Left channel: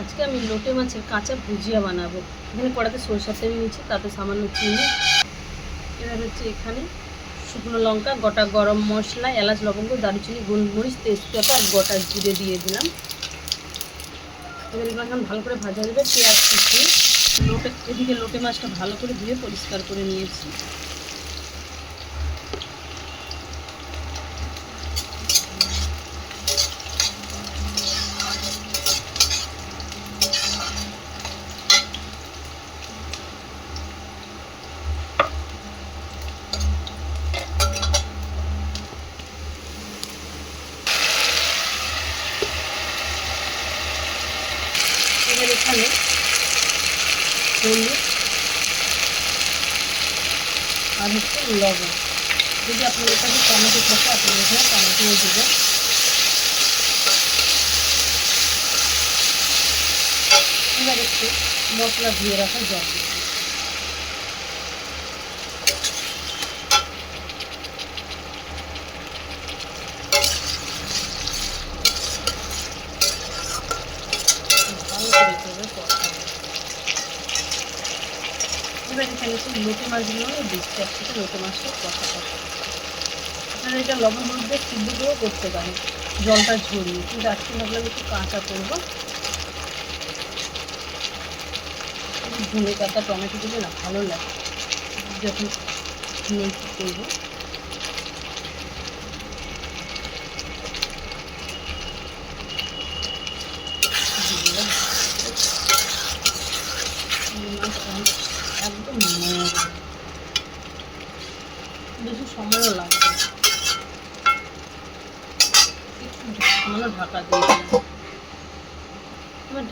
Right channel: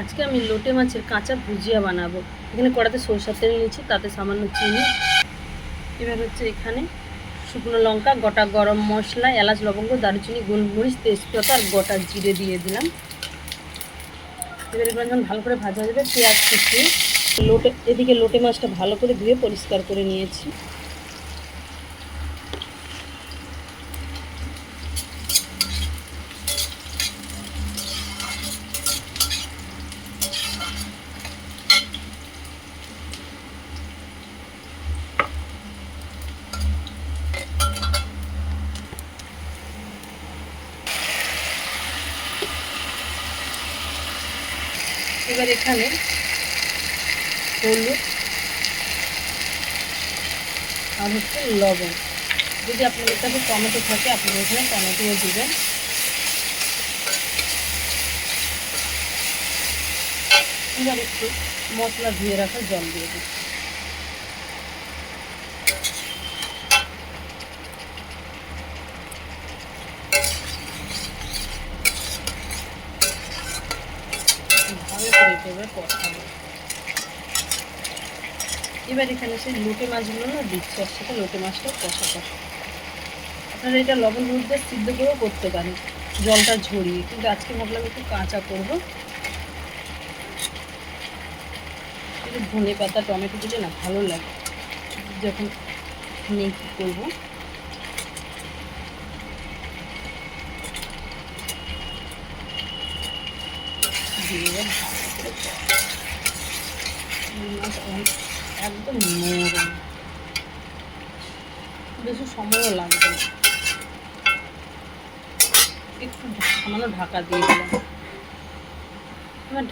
আজকে আমি লোটে মাছের কাঁচা ভুজিয়া বানাবো। এখানে কড়াতে সরষের তেল নিয়েছি, তাতে সামান্য চিনি, এবার হচ্ছে এখানে শুকনো লঙ্কা, গোটা গরম মশলা, এলাচ, লবঙ্গ, দারুচিনি, গোলমরিচ, তেজপাতা আর গোটা জিরে দিয়ে দিলাম। এবার এখন ভালো করে ভাজা যাবে। পেঁয়াজ কুচি, এদিকে লোটে মাছটা ভালো করে ধুয়ে পরিষ্কার করে নিয়েছি। এবার এখানে হলুদ আর হচ্ছে লবণ, যদি আপনাদের কাছে টমেটো থাকে আপনারা এখানে টমেটোও দেবেন। এবার একটু মশলা ধুয়ে রাখা জল দিয়ে দিচ্ছি। ভালো করে এভাবে কষা হবে। এবার এখানে সেই লোটে মাছগুলো দিচ্ছি, একসাথে লোটে মাছটা কষা কষা। আপনারা এটা লবণ হলুদ দিয়ে সিদ্ধ করেও করতে পারেন, জলটা ঝরিয়ে, কিন্তু আজকে ভাবলাম একটু কাঁচা করবো। ধনে পাতা টমেটো দিলে না ভালো লাগে, যখন কী করবো। একদম নরম, বেশি সময়ও লাগবে না। একটু সামান্য ঢাকা দিয়ে দিলাম। এবার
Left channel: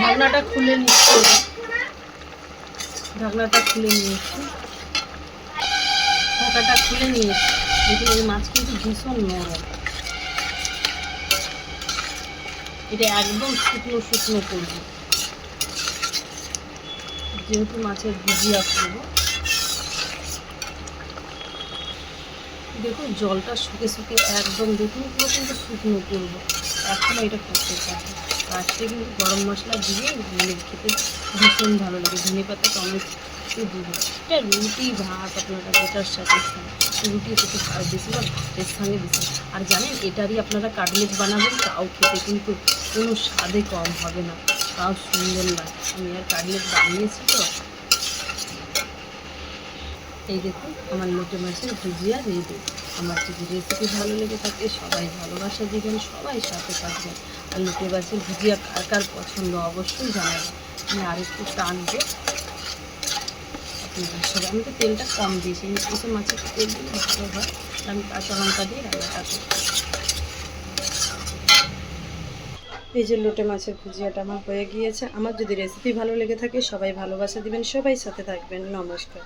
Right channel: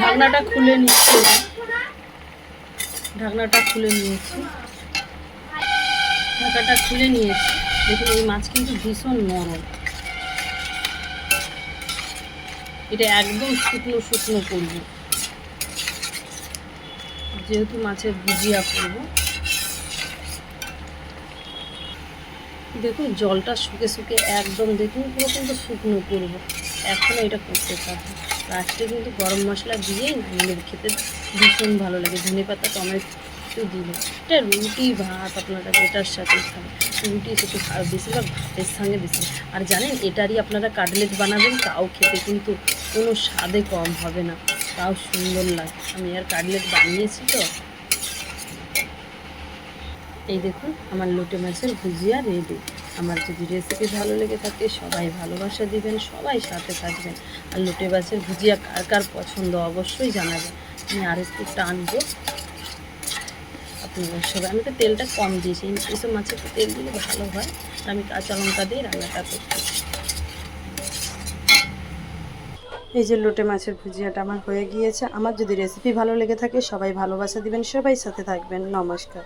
ঢাকনাটা খুলে নিচ্ছি। ঢাকনাটা খুলে নিয়েছি, ঢাকাটা খুলে নিয়েছি। দেখুন এই মাছ কিন্তু ভীষণ নরম। এটা একদম শুকনো শুকনো করবো, যেহেতু মাছের ভুজিয়া করবো। দেখুন জলটা শুকে শুকে একদম, দেখুন পুরো কিন্তু শুকনো করবো। এখনও এটা করতে পারবো। লাস্টে কিন্তু গরম মশলা দিয়েই নামিয়ে খেতে ভীষণ ভালো লাগে। ধনে পাতা টমেটো দিলে এটা রুটি ভাত আপনারা এটার সাথে খান, রুটি একটু বেশিরভাগ ভাতের সঙ্গে বেশি। আর জানেন এটারই আপনারা কাটলেট বানাবেন, তাও খেতে কিন্তু কোনো স্বাদে কম হবে না, তাও সুন্দর লাগে। আমি আর কাটলেট বানিয়েছি তো। এই দেখুন আমার লোটে মাছের ভুজিয়া রেডি। আমার যদি রেসিপি ভালো লেগে থাকে সবাই ভালোবাসা দিবেন, সবাই সাথে থাকবেন। আর লোটে মাছের ভুজিয়া কার কার পছন্দ অবশ্যই জানাবেন। আমি আর একটু টানবো আপনারা সবাই। আমি তো তেলটা কম দিয়েছি, এসব মাছের তেল দিলে ভালো হয়। আমি কাঁচা লঙ্কা দিয়ে রান্নাটা করছি। এই যে লোটে মাছের ভুজিয়াটা আমার হয়ে গিয়েছে। আমার যদি রেসিপি ভালো লেগে থাকে সবাই ভালোবাসা দিবেন, সবাই সাথে থাকবেন। নমস্কার।